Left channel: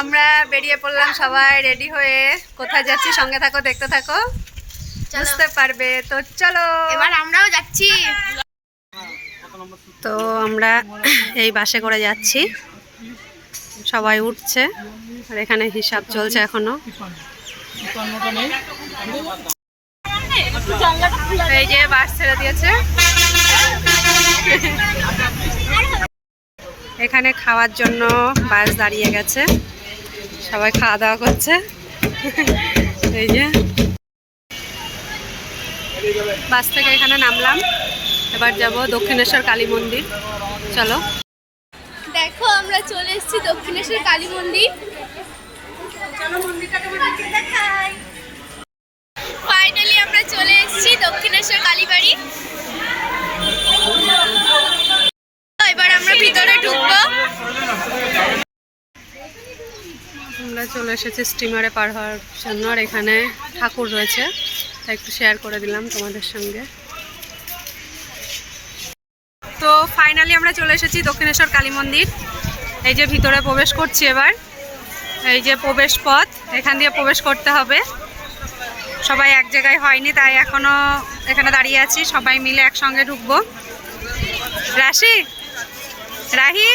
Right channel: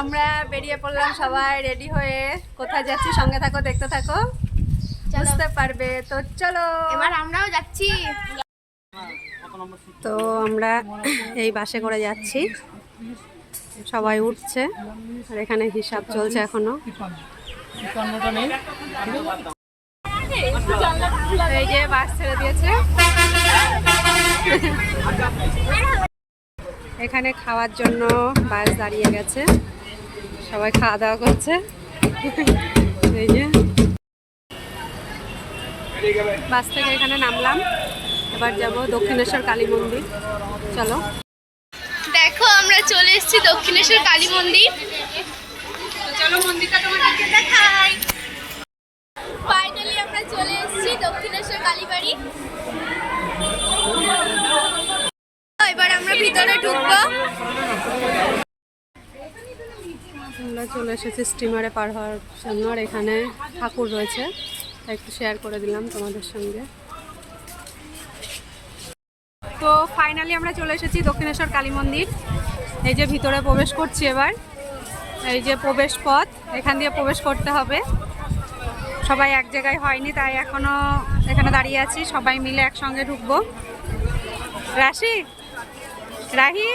আমরা বেরিয়ে পড়লাম সবাই রেডি হয়ে। কোথায় যাচ্ছি? সঙ্গে থাকো দেখতে থাকো। বুঝতে পারবে। তো চলো। এবার আমরাও যাচ্ছি। তো আমরা এই বাসে করে যাচ্ছি। সবাই উঠছে। আর এখানে হিসাব চলছে এখনও। এই যে বাস ছেড়ে দিয়েছে। এখানে খাওয়ার জন্য বাস দাঁড়িয়ে গেছে। সবাই খাওয়া দাওয়া করছে। এই যে। বাস থেকে এখানে নামলাম। এবার যাব দক্ষিণেশ্বর কালী মন্দির। চলো। দেখো আমরা চলে এসেছি দক্ষিণেশ্বর কালী মন্দির। চলো মন্দিরটা তোমাদেরকে দেখাই। ফাইনালি আমরা চলে এসেছি দক্ষিণেশ্বর কালীবাড়ি এবার আমরা ভিতরে ঢুকবো আমরা চলে এসেছি স্টিমারে পার হওয়ার জন্য আর এখানে ঠাকুর রয়েছে। তাই একটু শেয়ার করে দিলাম তোমাদের সঙ্গে। তো ফাইনালি আমরা চলে এসেছি দক্ষিণেশ্বর কালী মন্দির। এই যে ভিতরে প্রবেশ করছি এবার। এই যে প্রবেশ পথ, এখান দিয়ে প্রবেশ করতে হবে। সবাই এক জায়গায় হয়নি, তাই এখনও এখানে দাঁড়িয়ে আছি। সবাই মিলে একসঙ্গে ঢুকবো। রাশি? রাহি?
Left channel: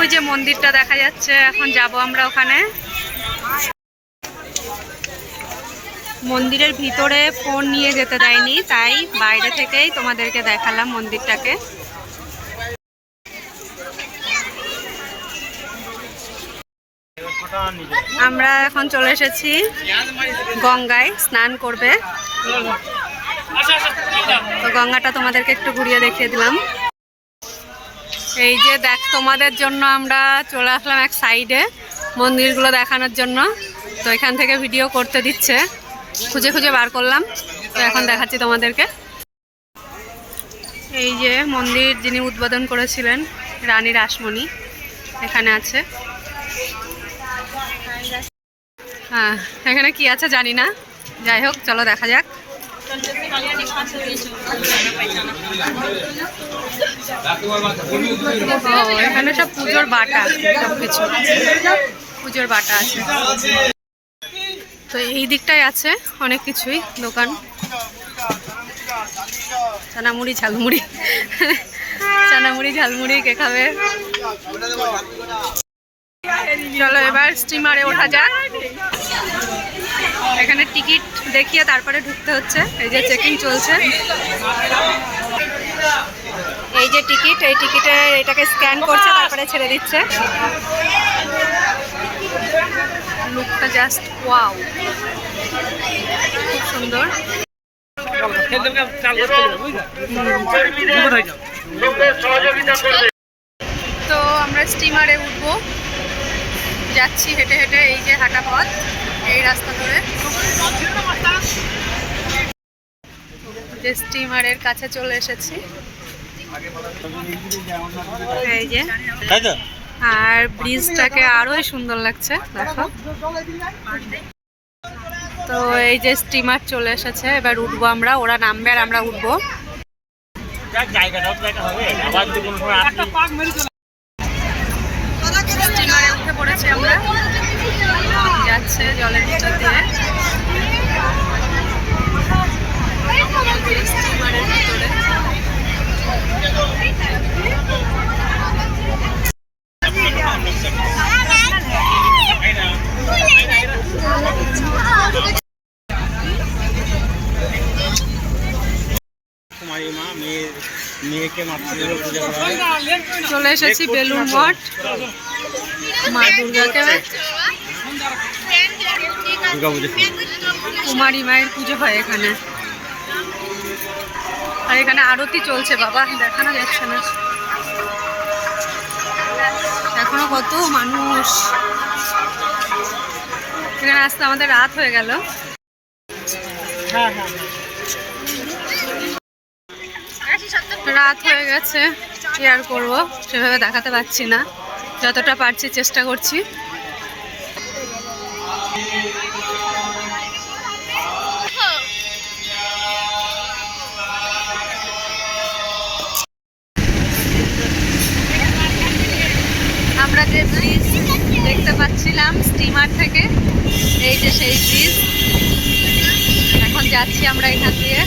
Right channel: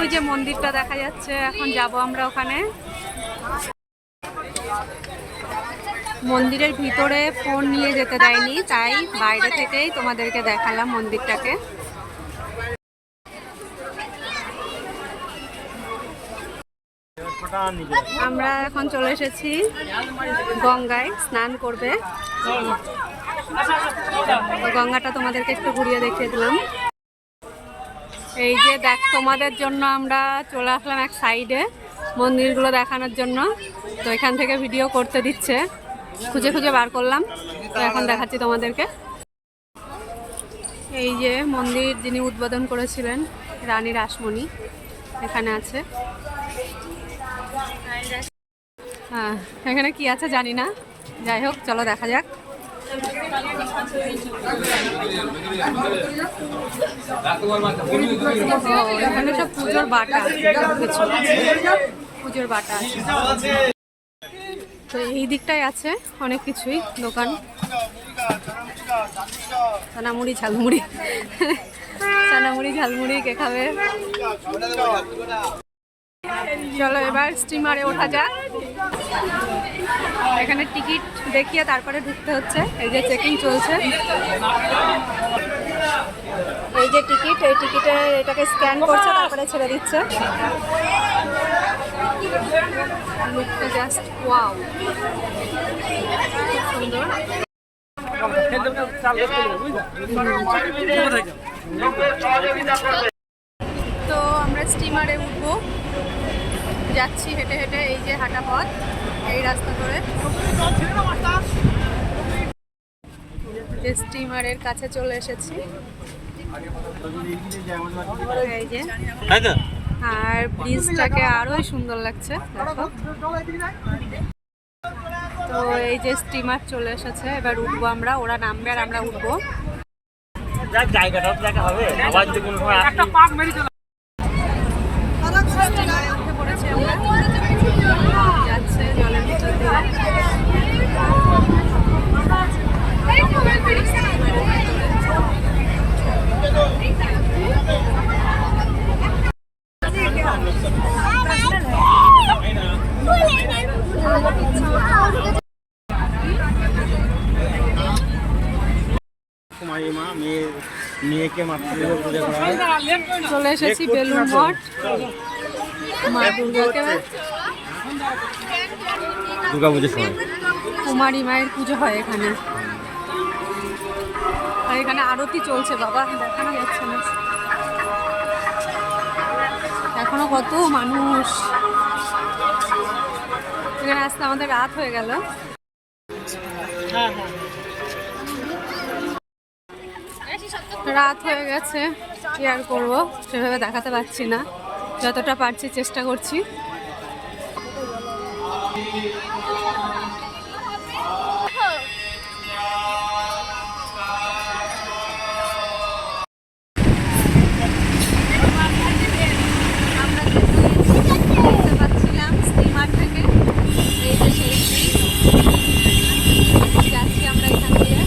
ওই যে মন্দিরটা দেখা যাচ্ছে, এখন যাব আমরা ওখানে। মন্দিরের ভিতরে ফোন নিয়ে যেতে দেয়নি, তাই বাইরে থেকেই তোমাদেরকে দেখালাম মন্দিরটাকে। আমরা এখন চলে এসেছি গঙ্গায় স্নান করবে। তো গঙ্গাটা তোমাদেরকে একটু ঘুরিয়ে দেখিয়ে দিলাম। এই যে দেখ, তোমাদের জন্য আমরা চলে আসলাম এক সাইডে মন্দিরগুলো দেখানোর জন্য। তো এখান থেকে ভিডিও করতে দিচ্ছে। খুঁজে খুঁজে বার করলাম। তো এখন দেখাচ্ছি তোমাদেরকে। এই যে মন্দির যিনি উদ্বোধন করেছিলেন, রানী রাসমণি, এখানে আছে। হ্যাঁ এখানে কি আছে জানি না। যাই হোক, চলো দেখা যাক। এখানে সব পুজোর বাটা সব কিছু পুজোর বাটা আছে। তো এই দিকটায় আছে অনেক কিছুই, দোকান। চানামুড়ি, ঝালমুড়ি। চানামুড়ি, ঝালমুড়ি, কে খাবে? চলো এবার স্টিমারে ওঠা যাক। এখানে টিকিট দেখিয়ে তারপরে ঢুকতে হচ্ছে। এই যে চেকিং চলছে। এই যে টিকিট, এই টিকিটে এটাকে স্ক্যান করছে, তারপরে ছেড়ে দিচ্ছে। লুকটা জাস্ট ওয়াও খুব সুন্দর। তো আমরা স্টিমারে উঠবো। যাচ্ছি হেঁটে হেঁটে, এই যে হাঁটা পথ। এই রাস্তা ধরে। যে স্টিমারের কাছে চলে এসেছি। এই যে। আর ব্রিজটাকে আরোই সুন্দর লাগছে দেখো। তো এই যে স্টিমার চলে এসেছে এবার উঠবো আমরা ওরা নামবে আর আমরা উঠবো। স্টিমারে উঠে পড়েছি আমরা। যাচ্ছে জলের ভিতর দিয়ে। চলে এসেছি বেলুর মঠ। মা দুর্গাকে কুমারী মায়ের পুজো হয় এখানে। আর এখানে আরতি চলছে, বাবা, দেখানো যাচ্ছে না। এখনও কত মানুষ। এখানে আসতে আমাদের রাত হয়ে গেল। রাত হয়ে গেছে, কি আর করব? সেভাবে দেখাতে পারছি না। যতটা পারছি চেষ্টা করছি। এলাম স্টিমার থেকে। এই যে সেই ব্রিজ এখন যাচ্ছি আমরা এখান দিয়ে।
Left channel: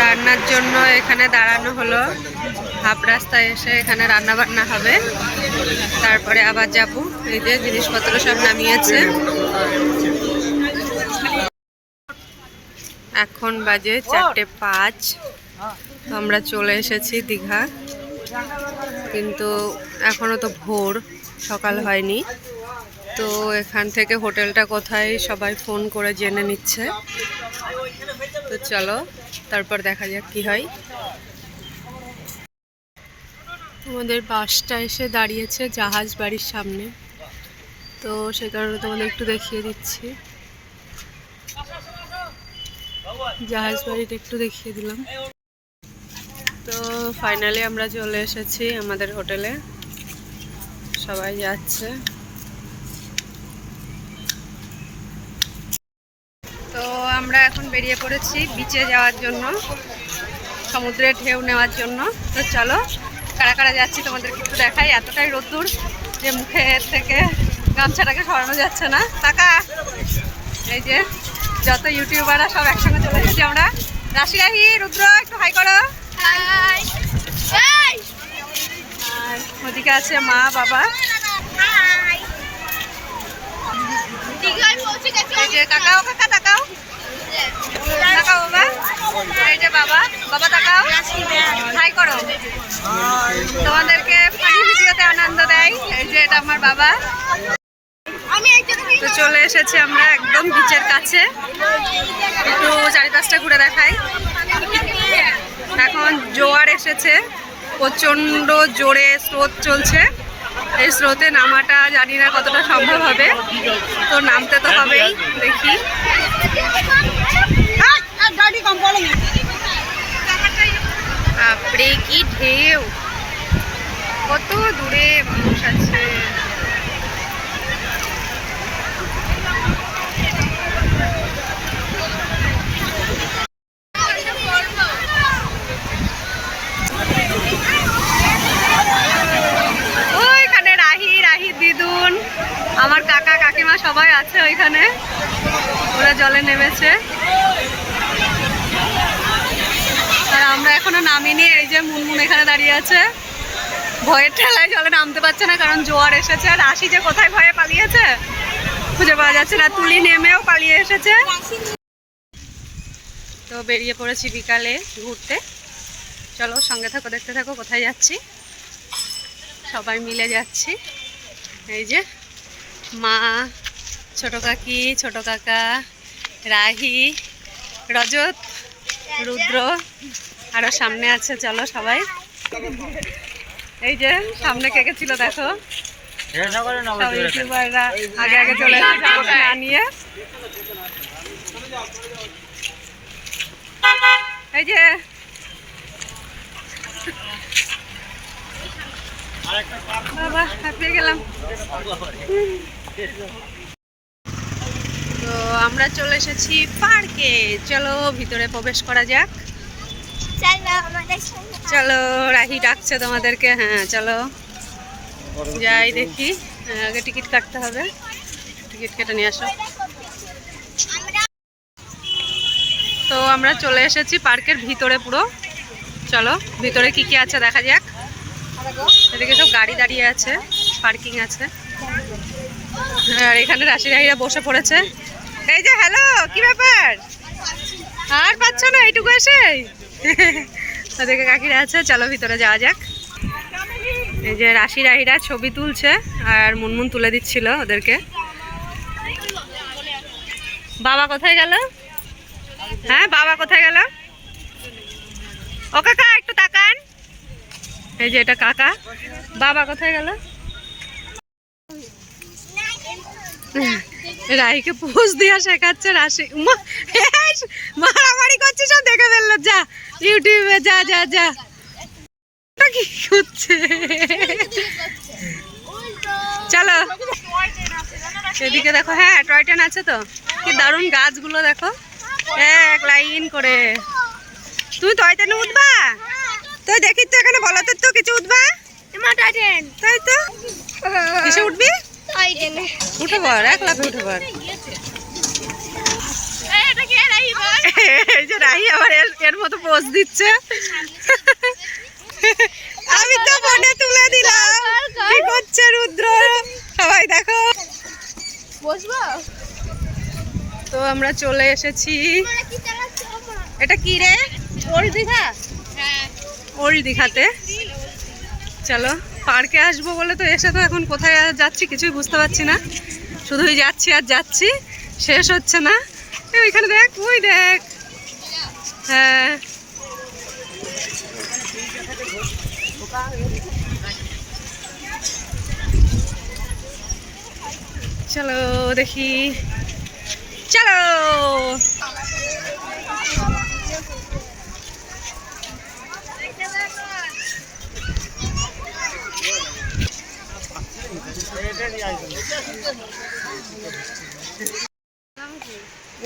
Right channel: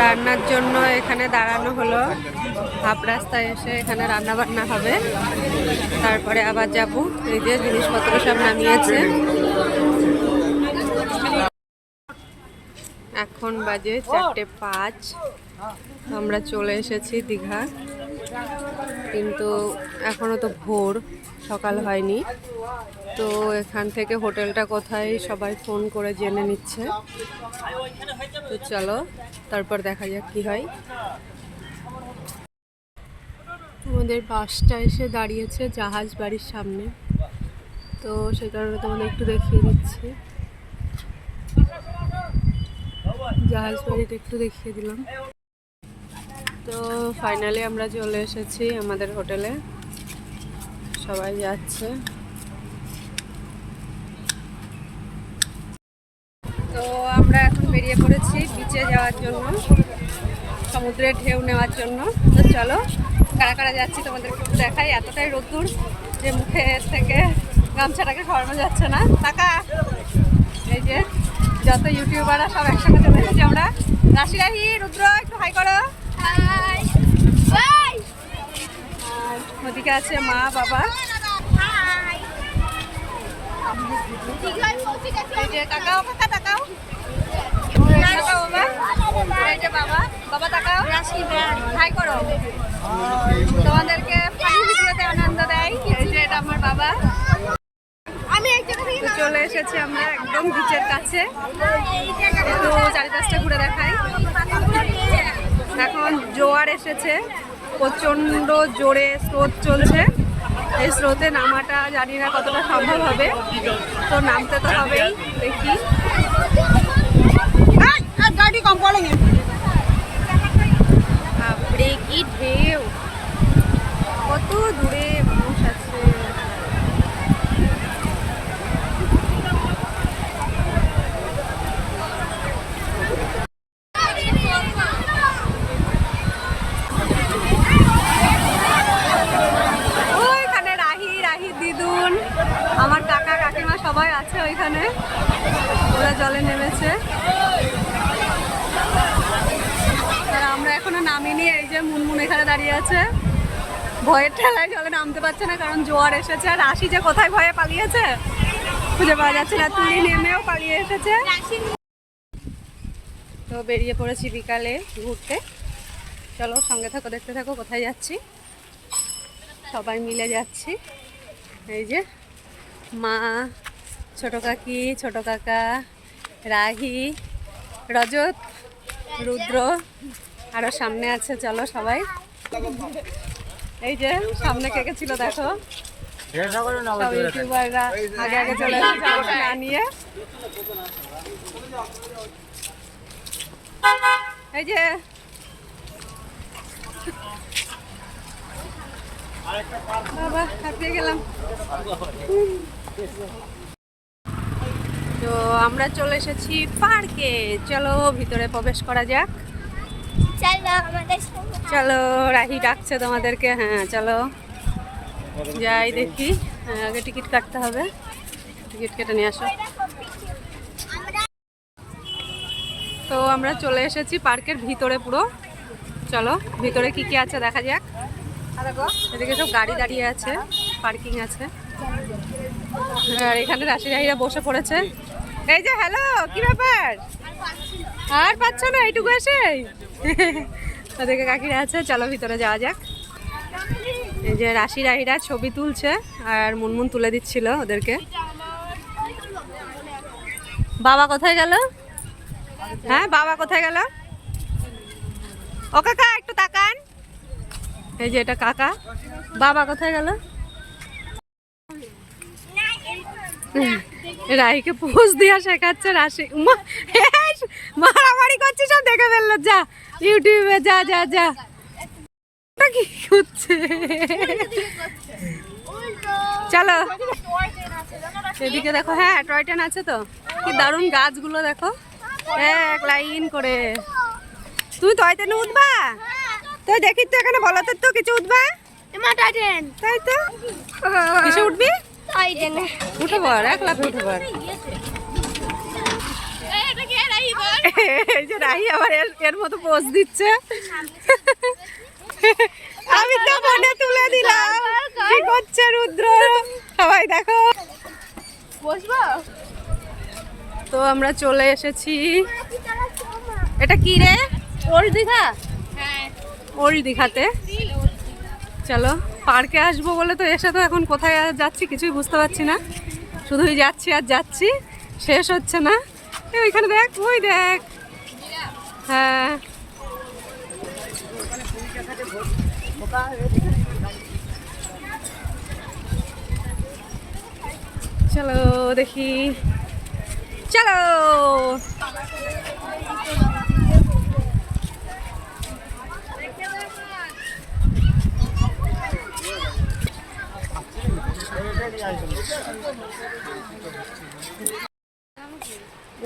রান্নার জন্য এখানে দাঁড়ানো হলো। হাফ রাস্তায় এসে এখানে রান্না বান্না হবে। তারপরে আবার যাব। এই যে জিনিসপত্র সব নামিয়েছে। এখন বাজে চারটে পাঁচ। আমরা চলে এসেছি দীঘা। কিন্তু এখনও তো ভোর, সকাল হয়নি। তো এখান থেকে হোটেলটা কোথায় সবাই ফোন করে জেনে নিচ্ছে। তো চলো, তারপর দেখা যাক কি হয়। আমাদের বাসটা এসে দাঁড়িয়েছে জাহাজ বাড়ির সামনে। তো সে কারণে তোমাদের একটু দেখিয়ে দিচ্ছি। জাহাজ বাড়িটা একটু দেখিয়ে দিলাম। তো ফাইনালি আমরা চলে এসেছি আমাদের হোটেলে। সবাই যাচ্ছে। তো আমরা এখন বেরিয়ে পড়েছি বিচে যাওয়ার জন্য, সমুদ্রের ঢেউ নেওয়ার জন্য। তো চলো, কারা কারা যাচ্ছি তোমাদেরকে একটু দেখাই। এতটাই রোদ্দুর যে মুখের থেকে গামছাটাকে সরানো যাচ্ছে না। টাকা! এই যে, যত ইউটিউবাররা সব একসঙ্গে চলে এসেছি আমরা। রাশি রাহি রুদ্র একটু হাই করো হাই হাই আর আছে, মা, বাবা। কাকাও কাকা এই যে, বাবা। বাবা করো। তোমাদেরকে আনন্দ দেয়। এই যে, এটা আমার বাবা। তো চলে এসেছি আমরা একদম বিচের কাছে। একটু চারিপাশটা ঘুরে দেখাই। এখন জোয়ার এসেছে। প্রচণ্ড জোরে স্রোত চলছে। এই স্রোতে নামাটা জানি না কতটা সম্ভব হবে। তো নামতে তো হবেই, দেখি। কি ঢেউ। কত দূরে মানুষ আছে ওইখানে রাহি রাহি দিদুন আমার কাকা কাকিমা ওইখানে ওরা জলে নেমেছে। আর আমরা এখনও নামিনি, এই যে মুনমুন এখানে দাঁড়িয়ে আছে। ভয়ের ঠেলায় জলে নামতে পারছে না, কারণ জোয়ার এসেছে। আর রাশি যে কোথায় ভয়ে পালিয়েছে, খুঁজে পাওয়া যাচ্ছে না। তুলি নেমেও পালিয়ে এসেছে। তো বেরিয়ে পড়েছি বিকালে ঘুরতে। চলো সঙ্গে থাকো, দেখতে থাকো কোথায় যাচ্ছি। সবাই মিলে যাচ্ছি। এই যে মা ছোট কাকি, ছোট কাকা, রাহি, রজত, রুদ্র, আরও সামনে আছে, চলো সবাই। এই যে, সামনে কে কে ছিল দেখো? সব আগে আগে চলে এই যে, বাবা, হাঁপিয়ে গেলাম। তো আমরা চলে এসেছি পার্কে। চলো ভিতরে প্রবেশ করা যাক। চলো রাহি ডাকছে তোমাদেরকে। হ্যাঁ চলো। যাই দেখি। আগে টিকিট কাটতে হবে। টিকিট কেটে নিয়ে আসো। তো আমরা চলে এসেছি পার্কের ভিতরে পুরো। চলো ভিতরে কি কি আছে দেখা যাক। এদিকে সব গাড়ি দাঁড়িয়ে আছে পার্কিং আছে। আর এখানে রাশি রাহিরা বসে পড়েছে। এই যে হ্যালো কি ব্যাপার? আর পাচ্ছ না, এইটুকু এসে ওদিকে কাকিরা আছে, চলো ভিতরে যাওয়া যাক। এই যে রাশি রাহিরা ছবি তুলছে, আর মুনমুন তুলে দিচ্ছিল ওদেরকে। বাবা কোথায় গেল? হ্যাঁ বাবা কোথায় গেল? ও কাকা, একটু তাকান। এই যে, এটা কাকা। বাবা কোথায় গেল? রাহিকে পোজ দিয়া শেখাচ্ছে রাশি মারামারি করছে সব দেখে ফেলল যা ইউটিউবে যা যা যা। কি করছে চলো। সেদিকে দেখো হ্যাঁ টয় ট্রেন আছে তো। কি দারুণ গাছগুলো দেখো। এক লাইন করে। তুমি টয় ট্রেনে উঠবা? তো দেখি তো এখানে বলো তো কিছু উঠবা? তাই তো? কিসে উঠবি? উঠে এক লাফে উঠে এই যে রাহি আবার এর মতো পোজ দিচ্ছে। আমি তো ফোনে তুলে দিলাম। কি করছে রুদ্র? সবাই দেখো। বসবো তো আমরা চলে এসেছি। এটা কি রে? ওল্ড দীঘা। ওল্ড দীঘাতে। চলো। পার্কে আসব বলে তো এসে তো এখন কোথায় যাচ্ছি কিছুই বুঝতে পারছি না। শুধুই যাচ্ছি আর যাচ্ছি, শেষ হচ্ছে না। ওইখানে দেখ, ওই দেখ। হ্যাঁ। চলো দেখি। চলো।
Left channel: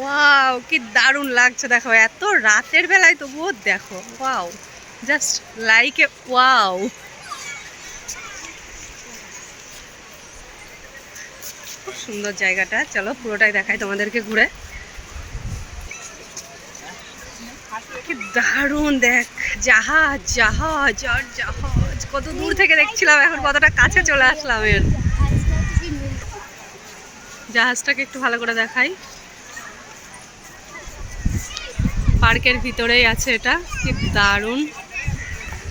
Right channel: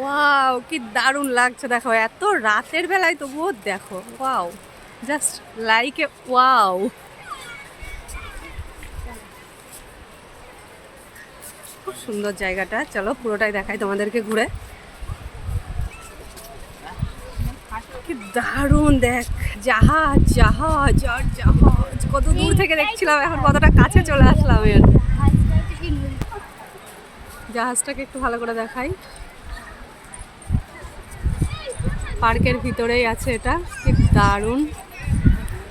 ওয়াও কি দারুণ লাগছে, দেখো, এত রাতের বেলায় তবুও দেখো wow just like a wow খুব সুন্দর জায়গাটা, চলো পুরোটাই দেখাই তোমাদেরকে ঘুরে। কি দারুণ, দেখ, জাহাজ জাহাজ, আর জাহাজ, কত দূর থেকে দেখছিলাম, এখন কতটা কাছে চলে আসলাম এর। জাহাজটাকে একটু ভালো করে দেখাই। পার্কের ভিতরেই আছে এটা, কি দারুণ।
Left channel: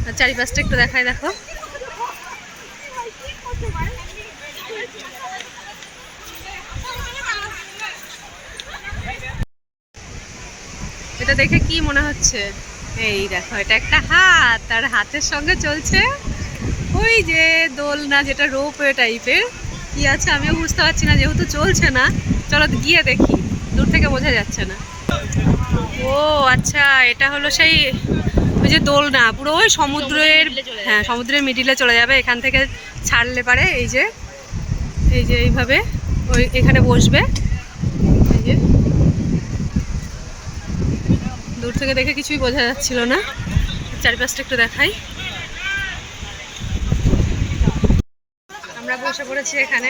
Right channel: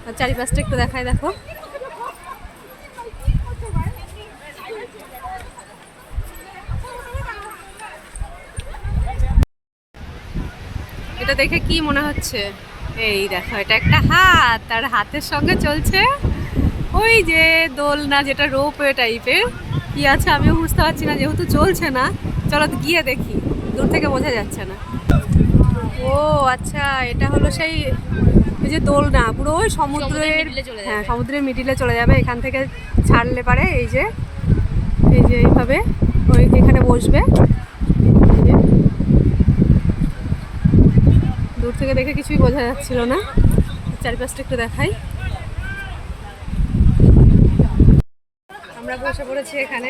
আর চারিপাশটা একটু দেখাই, দেখো। এটা দেখে কি মনে হচ্ছে? এই দেখো, এটা একটা হাত তার হাতের সঙ্গে চলছে ওই যে দোলনা, যেটা রোপওয়ে টাইপের কি আছে আমিও বুঝতে পারছি না, যেহেতু চলছে না, চলো গিয়ে দেখি, দূর থেকে বোঝা যাচ্ছে না। ও আচ্ছা এটা হলো সেই ওই যে দোলনা, পুরো ওই সমুদ্রের হ্যাঁ সমুদ্রের মিডিলে চলে যাবে, এখান থেকে ছাড়লে পারে, এই যে এই যে এইভাবে, ওই এখানে বসবে। যে। দূর থেকে দেখে কিছুই বোঝা যাচ্ছিল না। চারিপাশটা একটু দেখাই। আমরা বসে পড়েছি এখানে।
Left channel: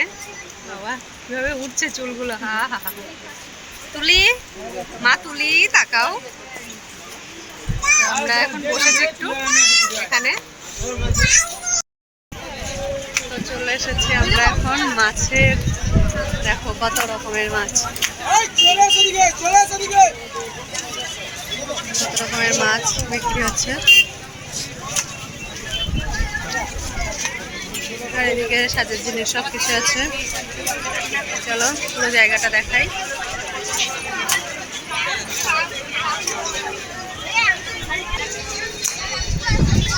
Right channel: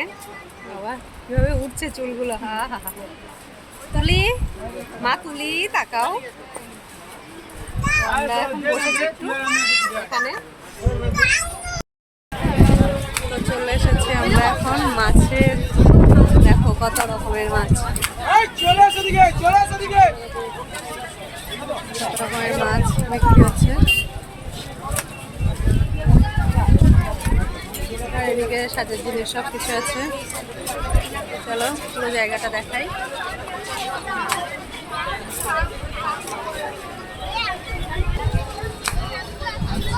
বাবা কীভাবে উঠছে চুলগুলো? হা হা হা তুলি মা তুলি তাকাও। আমরা এখন বসেছি একটু এখানে। তো চলে এসেছি আমরা এখন মাছের দেখো কত রকমের মাছ। কত রকমের মাছ বিক্রি হচ্ছে। আর এদিকে সাজের জিনিস সব কিছু আছে। চলো, পুরো জায়গাটা দেখাই।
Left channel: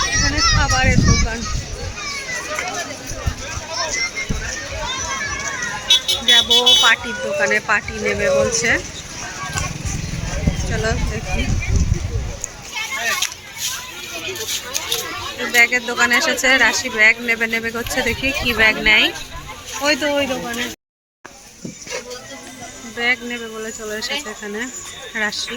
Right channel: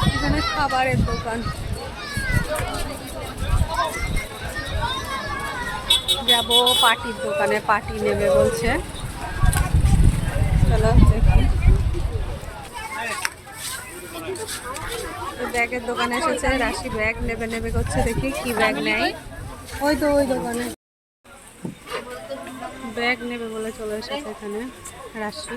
এখানে খাবারের দোকান। যাব পাটির দোকানে পাটি নেবে বলছে। চলো দেখি। ব্যাগের দোকানে এসেছে, রাশি ব্যাগ নেবে নেবে করছে, দেখি কি ব্যাগ নেই ওই তো ওই দোকানে। ব্যাগ নেবে বলে চলে এসেছে এখানে, রাশি।